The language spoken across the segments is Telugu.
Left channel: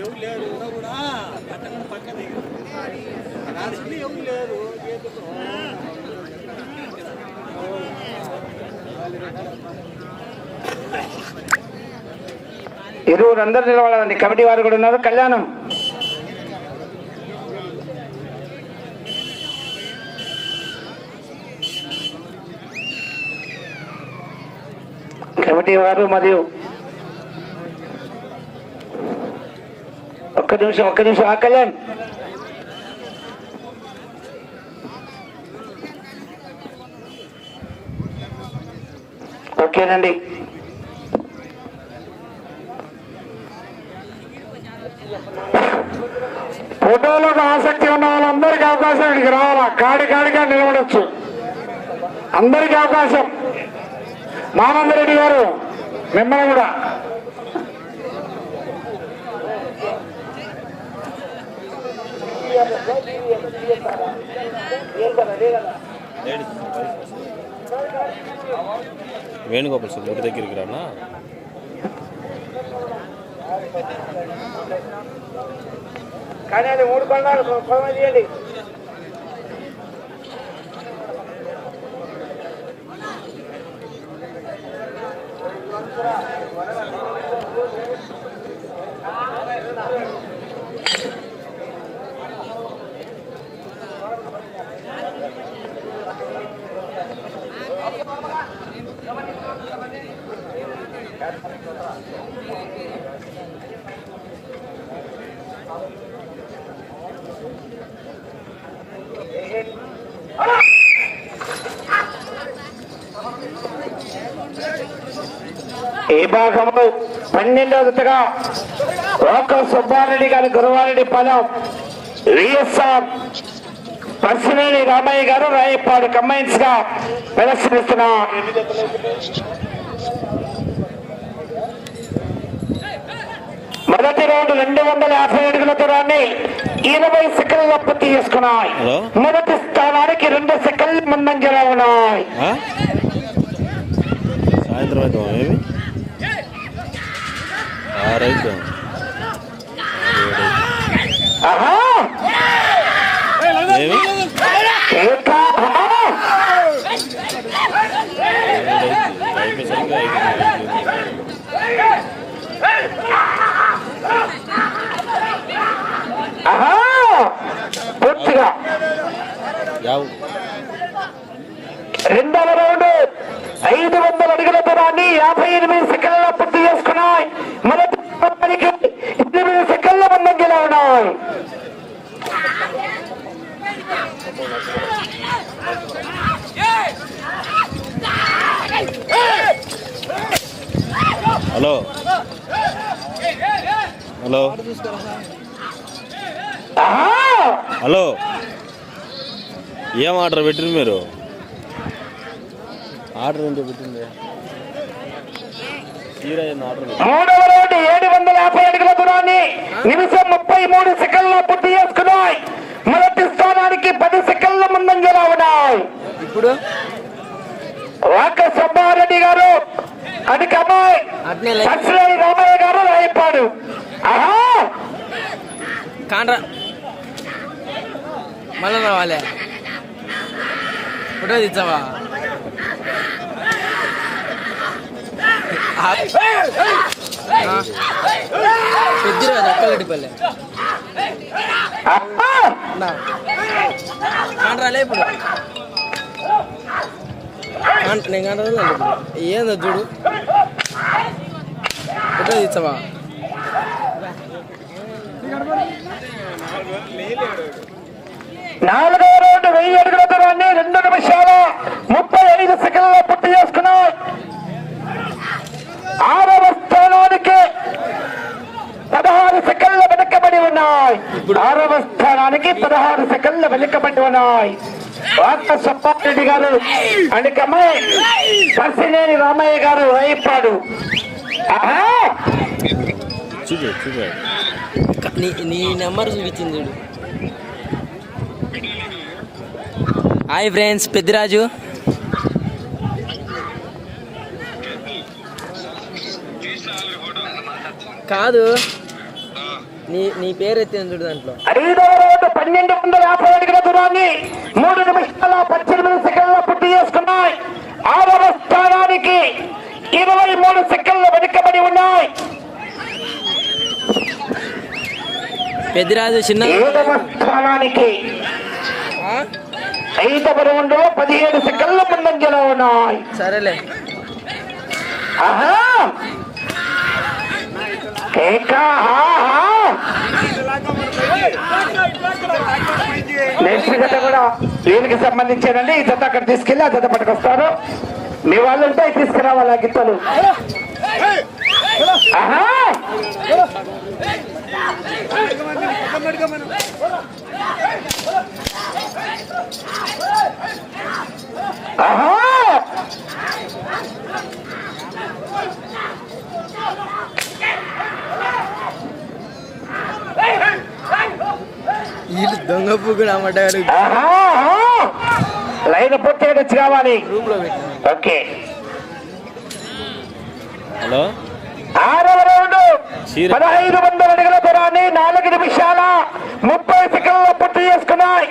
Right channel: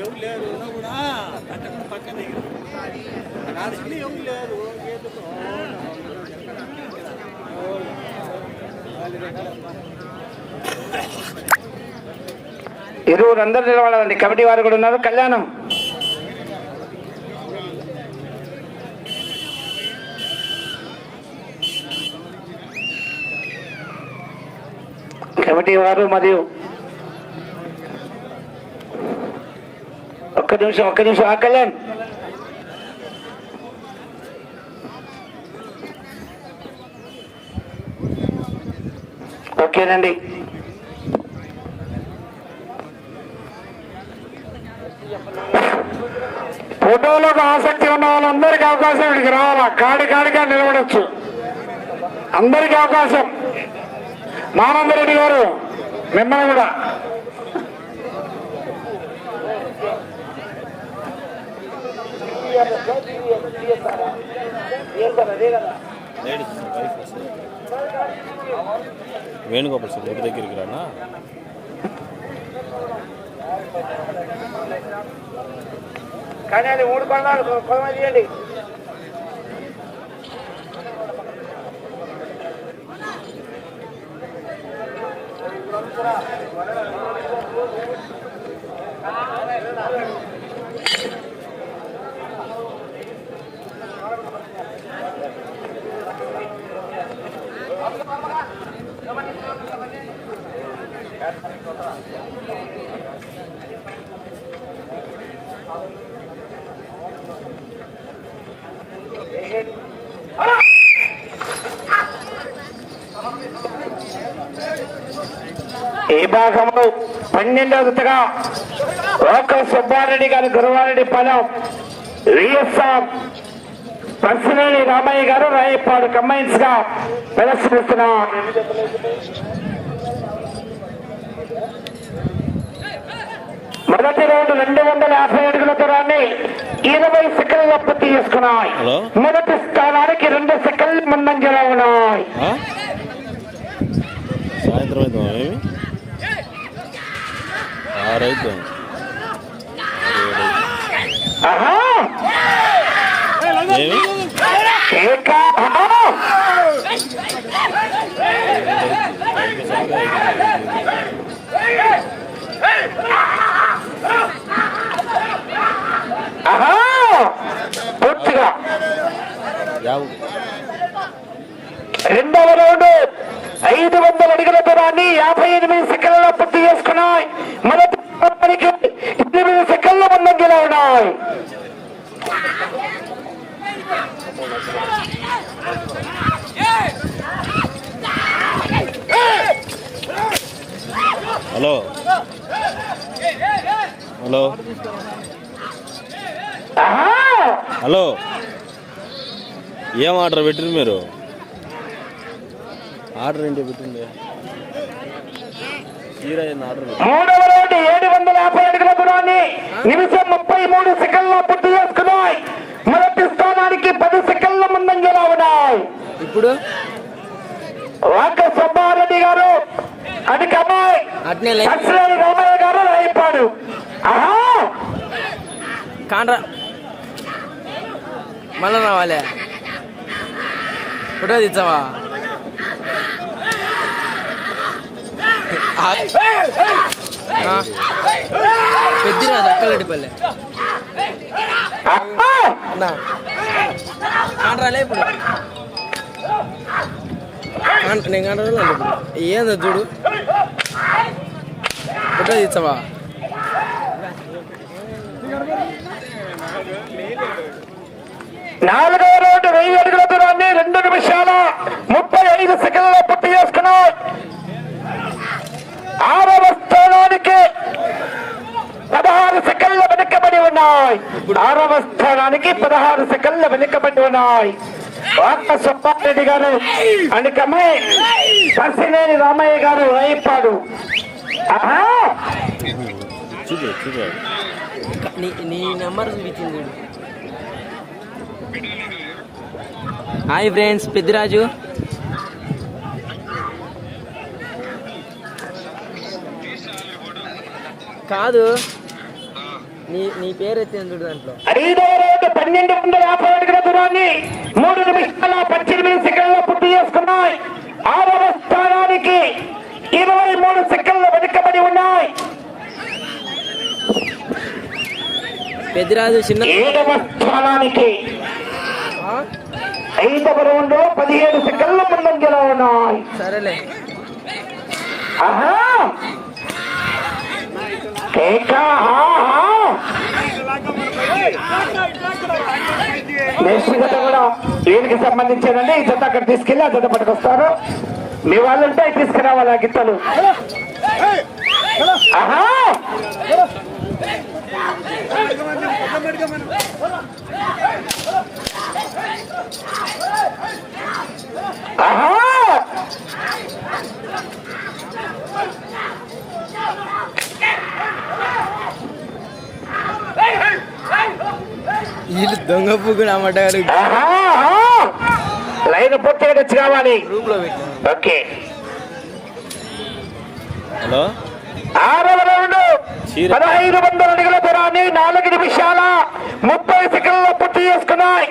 ఎవరు లేరు ఉన్నా కూడా పక్కన పక్కనే రాసుకుని ఎవరు లేరు చేతుతో ఇరువురు అందరు నిలబడాలండి కమిటీ వారు కూడా ఉన్నారు కళ్యాణం కమిటీ వారు మరియు ఒక్క నిమిషం ఒక్క నిమిషం ఆ ఓకేనండి. ఫోటోలో ఆసక్తి ఉన్న వాళ్ళందరికీ అవకాశం ఇక్కడికి రావాలా? కాడి కాడిగా నిలబడచ్చు. అందరికీ అవకాశం మానందరెడ్డి గారు మిమ్మల్ని కూడా. వేణుగోపాల్ సార్ గుడి దగ్గరికి రానా? కానీ అది మూడు కొనాలి చేయండి. temporada. ఈ భాగంలో పన్నెండవ జతగా ఒక సుబ్బారెడ్డి గారి గురువారెడ్డి పొలం విఎస్ఆర్ పర్సనేని రామయ్య గారు రాయపాడు కంబైన్స్గా ప్రదర్శనిస్తున్నారు మొదటి రౌండ్ రెండు వందల యాభై అడుగుల దూరాన్ని ఇరవై సెకండ్ల పూర్తి చేసుకున్నాయి. మొదటి స్థానానికి రెండు సెకండ్లు ముందంజలో ఉన్నాయి? సాయంత్రం పూర్తిగా యావు. రెండవ రౌండ్ ఐదు వందల అడుగుల దూరాన్ని యాభై ఎనిమిది సెకండ్లలో పూర్తి చేసుకున్నాయి. మొదటి హలో. హలో. హలో. ఏం ఆర్డర్ పెట్టిరు మీరు? ఆర్డర్ ఏంటి పెట్టింది? చీర ఏంది ఆర్డర్ ఏడు వందల యాభై అడుగుల దూరాన్ని నిమిషం ముప్పై మూడు సెకండ్ల పూర్తి చేసుకున్నాయి. మొదటి స్థానానికి పది సెకండ్ల ముందంజలో ఉన్నాయి ఇప్పుడు? వాక సుబ్బారెడ్డి గారు అట్నే లే. పచ్చిలేని రామయ్య గారు రాయిపాడు. ఆహా! కాండ్రా. మళ్ళా రావాలి. ఫోటో తెచ్చావా పెద్దిరా దక్కలడిపల్లె కాండ్రాలే ఇప్పుడు. నేను కాండ్రా ఇప్పుడు. ఏందో చూడు. ఫోటో తెచ్చావా నాలుగో రౌండ్ వెయ్యి అడుగుల దూరాన్ని రెండు నిమిషాల ముప్పై ఐదు సెకండ్ల పూర్తి చేసుకున్నాడు ఆరవ స్థానానికి పదహారు సెకండ్ల వెనుకబడి ఉన్నాయి. ఆరవ స్థానానికి పదహారు సెకండ్ల వెనుకబడి ఉన్నాయి. డాక్టర్ సుబ్బారెడ్డి గారు అనికము పర్సినేని రామయ్య గారు వైపాడు. నీ నెంబర్ చూపించింది హాయ్ ఫ్రెండ్స్ పెద్దిరాజు. కాదు. నీ నీ పేరు ఎత్తింది చూడు దాంట్లో. ఐదవ రౌండ్ పన్నెండు వందల యాభై అడుగుల దూరాన్ని మూడు నిమిషాల పద్దెనిమిది సెకండ్ల పూర్తి చేసుకున్నాయి. ఆరవ స్థానానికి ఇరవై మూడు సెకండ్లు వెనుకబడి ఉన్నాయి. పెద్దిరాజు చిన్న ఏడవ స్థానానికి? ఐదవ రౌండ్లో పదిహేడు సెకండ్ల ముందంజలో ఉన్నాయి. సరేలే. ఆహా. నెక్స్ట్ జత కూడా దీనికి సంబంధించానండి. ఈ జత అక్కడ తీసుకెళ్ళి ఆ జత పట్టుకొస్తారు మీ వాళ్ళంటే అవి తీసుకురావాలి ఆ గిత్తలు ఆహా. ఆహా. వీళ్ళు దొంగ పువ్వులు అమ్మటారు. లైన్ పూర్తిగా తెచ్చి కావాలి. రూమ్లో ఓకే. హలో? ఆరవ రౌండ్. పదహైదు వందల అడుగుల దూరాన్ని నాలుగు నిమిషాల ముప్పై సెకండ్ల పూర్తి చేసుకున్నాయి.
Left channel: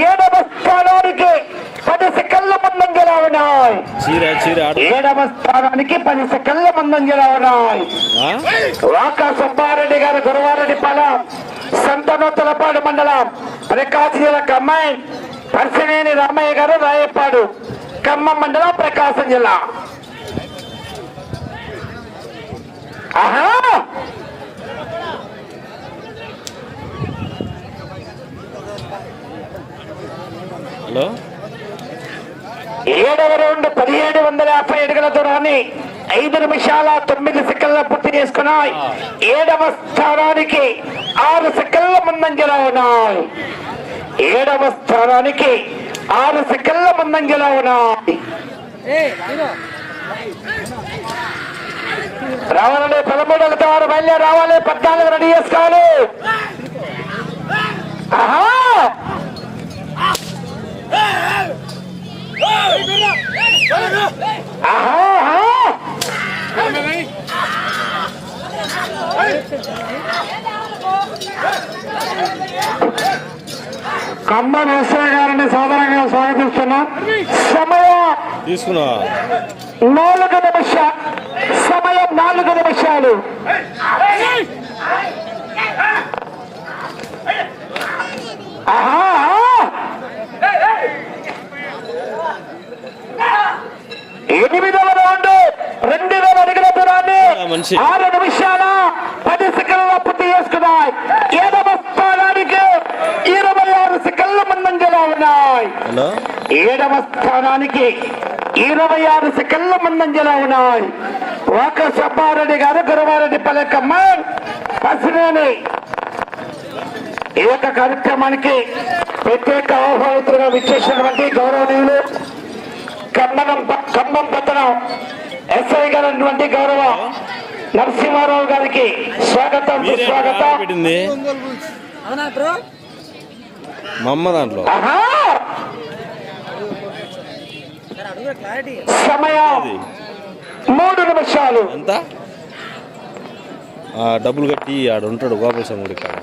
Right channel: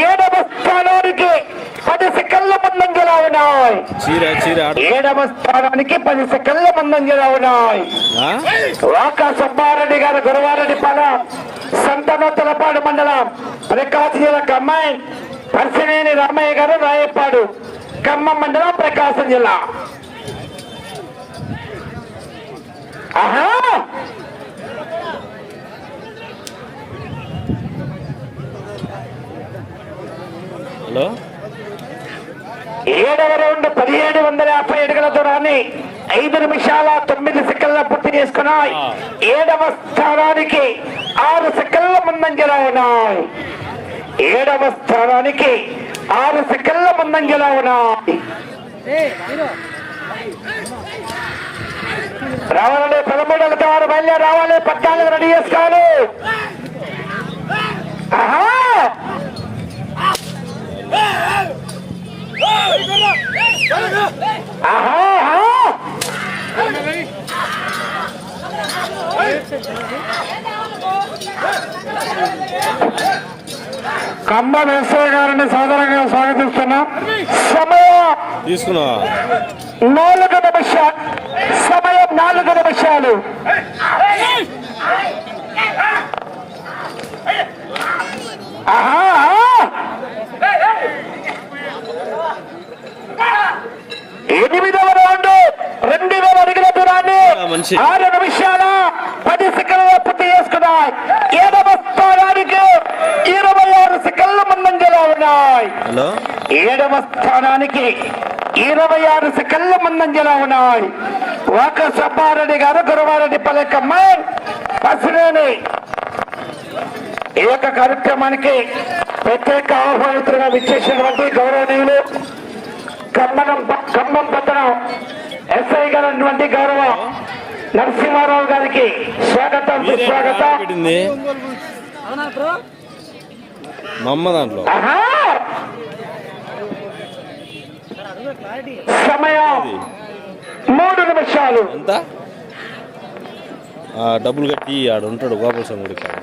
ఏడవ స్థానానికి పది సెకండ్ల ముందంజలా ఉన్నాయి చీర చీర ఆడ. ఏడవ స్థానానికి పది సెకండ్ల ముందంజలా ఉన్నాయి ఆ? వాక సుబ్బారెడ్డి గారు గురవారెడ్డి పాలెం. సంతనోత్తలపాడు మండలం. ప్రకాశీల కమ్మాయి పర్శనేని రామయ్య గారు రాయపాడు ఖమ్మం మండలం ప్రకాశం జిల్లా. ఆహా! హలో? ఏడవ రౌండ్ పదిహేడు వందల యాభై అడుగుల దూరాన్ని ఐదు నిమిషాల తొమ్మిది సెకండ్ల పూర్తి చేసుకున్నాయి. ఏడవ స్థానానికి ఆరు సెకండ్ల ముందంజలో ఉన్నాయి ఏడవ స్థానానికి ఆరు సెకండ్ల ముందంజలో ఉన్నాయి రావాలండి పదమూడవ తారు బయలుదేరి రావాలి పద్నాలుగు రెడీ చేసుకోవాలి. ఆహా! ఆహా. కమ్మ నరసయ్య గారిని సాధారణంగా స్వాగతిస్తున్నాం. సమయం తీసుకున్నావా నాలుగు నిమిషాలు. సమయం నాలుగు నిమిషాలు. ఆహా ఆహా. ఎనిమిదవ రౌండ్ రెండు వేల అడుగుల దూరాన్ని ఆ మనిషి. ఆరు నిమిషాల పది సెకండ్ల పూర్తి చేసుకున్నాయి. ఏడవ స్థానానికి ఇరవై ఆరు సెకండ్ల ముందంజలో ఉన్నాయి. హలో? ఏడవ స్థానానికి ఇరవై ఆరు సెకండ్ల ముందంజలో ఉన్నాయి. ఒక సబ్బారెడ్డి గారు గురవారెడ్డి పల్లెకమ్మ పసిరేని ఈ యొక్క కార్యక్రమానికి ప్రత్యేక ఆహ్వానితులుగా విచ్చేసినటువంటి గౌరవనీయులు ఖమ్మం ఖమ్మం పట్టణం ఎస్ఐ గారైనటువంటి గౌరవ నరసింహారావు గారికి స్వాగతం అమ్మ దాంట్లో. సమయం మూడు నిమిషాలు. డబ్బులు కట్టి ఆడ ఉంటాడు గోపాలస్వామి గుడి కాడ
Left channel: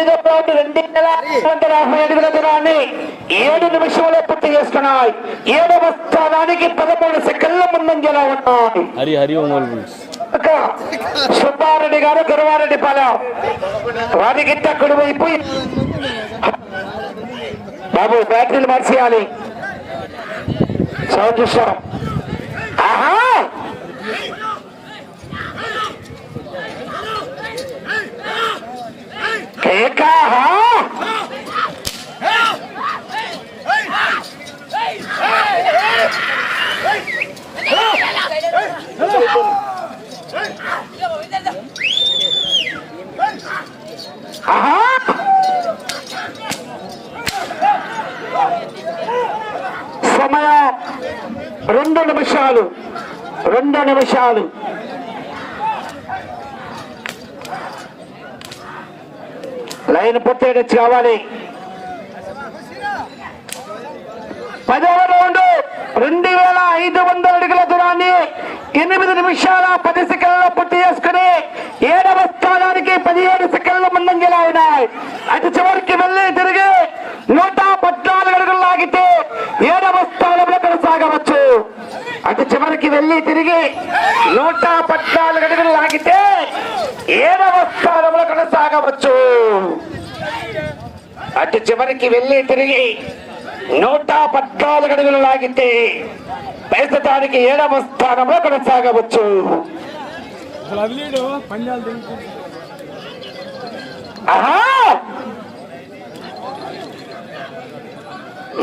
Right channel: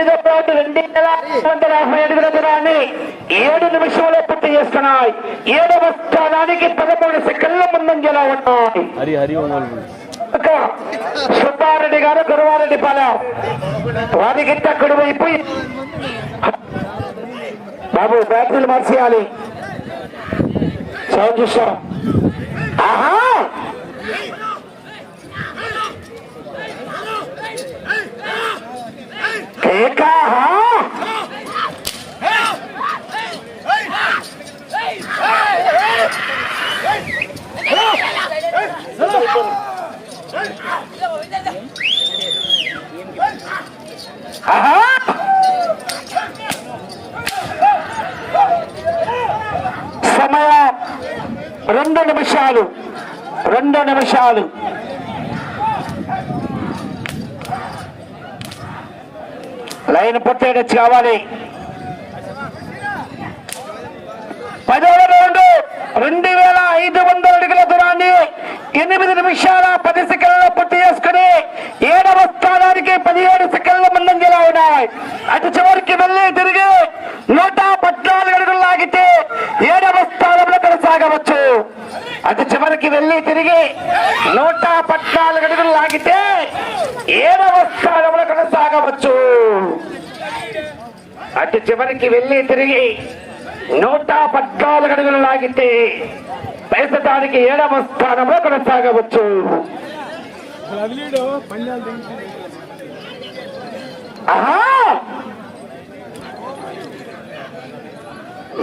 తొమ్మిదో రౌండ్ రెండు వేల వందల యాభై అడుగుల దూరాన్ని ఏడు నిమిషంలో పూర్తి చేసుకున్నాయి. ఏడవ స్థానానికి పదమూడు సెకండ్ల ముందంజలో ఉన్నాయి. హరి సుబ్బారెడ్డి గారు గురవారెడ్డి పాలెం. వారికి కుడి వైపు బాబు బ్యాటరీలు మార్చేయాలి. సౌండ్ చూస్తాం. ఆహా! కేకా ఆహా! సమయం రెండు నిమిషాలు రెండు నిమిషాలు. లైన్ పూర్తి కావాలి. పదవ రౌండ్ రెండు వేల ఐదు వందల అడుగుల దూరాన్ని ఎనిమిది నిమిషాల పది సెకండ్ల పూర్తి చేసుకుని ఏడవ స్థానానికి పదిహేడు సెకండ్ల ముందంజలా ఉన్నాయి. అటు చివరికి వెళ్ళి తిరిగి నూట పద్నాలుగు అడుగులు లాగితే ఏడవ స్థానంలో కొనసాగవచ్చు. అటు చివరికి వెళ్ళి తిరిగి నూట పద్నాలుగు అడుగులు లాగితే ఏడవ స్థానంలో కొనసాగవచ్చు. అటు చివరికి వెళ్ళి తిరిగి నూట పద్నాలుగు అడుగులు లాగితే ప్రస్తుతానికి ఏడవ స్థానంలో కొనసాగవచ్చు.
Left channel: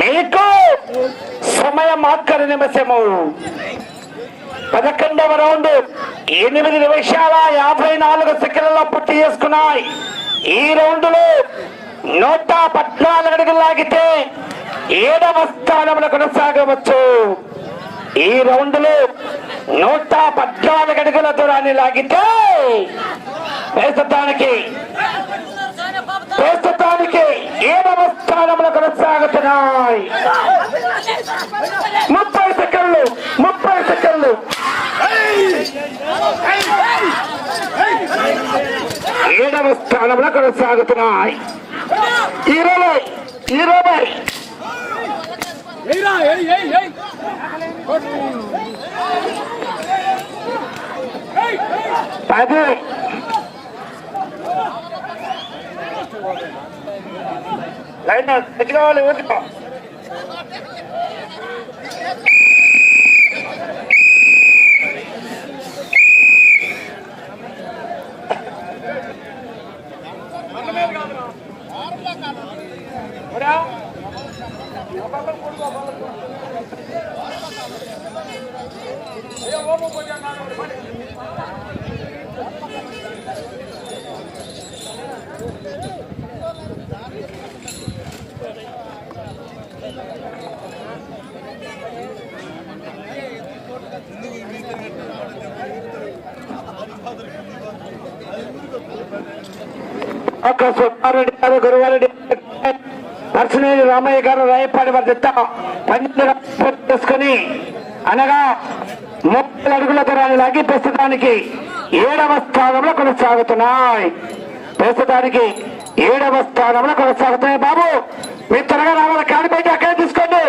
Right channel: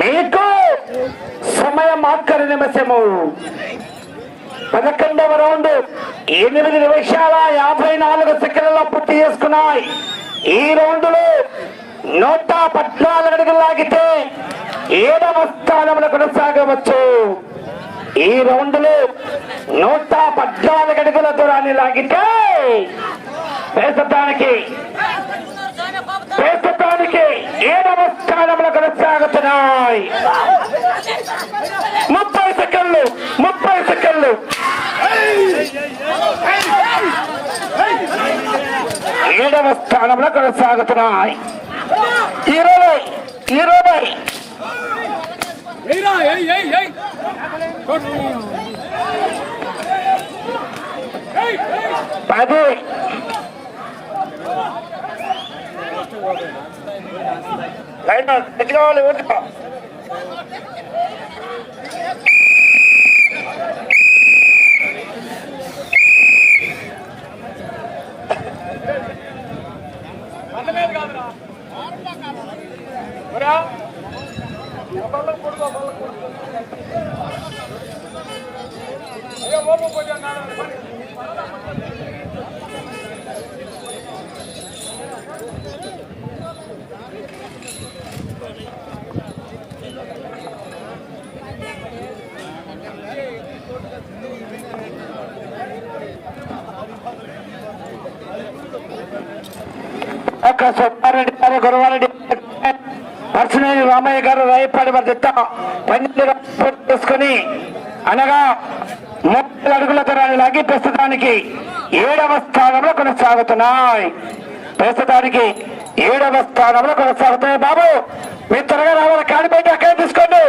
మీకు సమయం ఆఖరి నిమిషము. పదకొండవ రౌండ్ ఎనిమిది నిమిషాల యాభై నాలుగు సెకండ్లలో పూర్తి చేసుకున్నాయి. ఈ రౌండ్లో నూట పద్నాలుగు అడుగులు లాగితే ఏడవ స్థానంలో కొనసాగవచ్చు. ఈ రౌండ్లో నూట పద్నాలుగు అడుగుల దూరాన్ని లాగితే ప్రస్తుతానికి ప్రస్తుతానికి ఏడవ స్థానంలో కొనసాగుతున్నాయి. ముప్పై సెకండ్లు ముప్పై సెకండ్లు ఏడవ స్థానంలో కొనసాగుతున్నాయి ఇరవై ఇరవై. పది లైన్ దగ్గర వాళ్ళు ఊరుకో. ఒక సుబ్బారెడ్డి గారు గురువారెడ్డి నర్సినేని రామయ్య గారు రాయపాడి వారి మధ్య పన్నెండు రౌండ్లు చేసుకుని అనగా అడుగుల దూరాన్ని లాగి ప్రస్తుతానికి ఏడవ స్థానంలో కొనసాగుతున్నాయి. ప్రస్తుతానికి ఏడవ స్థానంలో కొనసాగుతున్నాయి బాబు. మీరు త్వరగా రావాలి కాడిపైకి అక్కడే తీసుకోండి.